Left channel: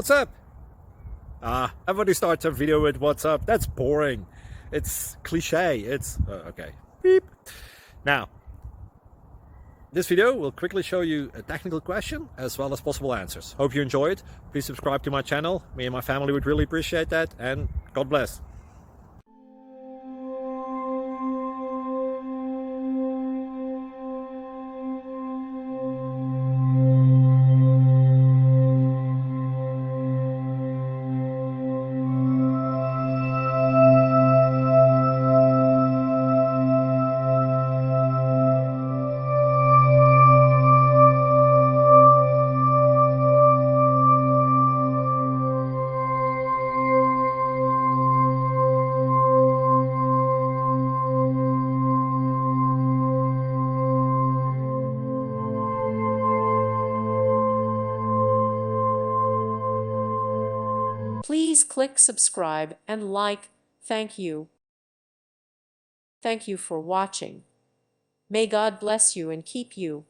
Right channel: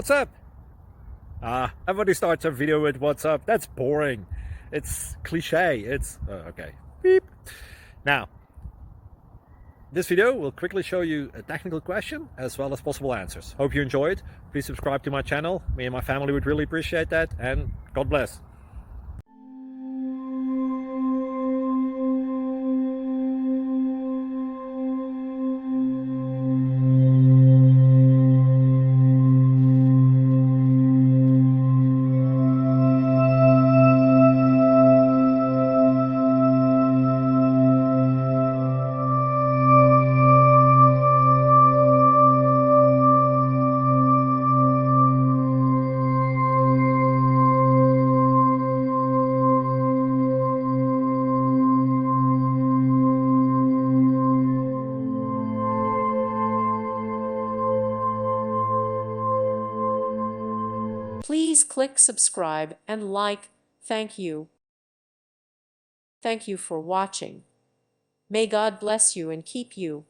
What's up? Everybody starts a video with what's up. That's boring. It's cliche. It's okay. Beep. Now, this video will quickly show you a technical question as well as possible answers. Hope you enjoy it. Please subscribe to my channel. Me and my family would really appreciate that, and God bless. Please click subscribe and like. Thank you. Thank you for watching. May God bless you and keep you.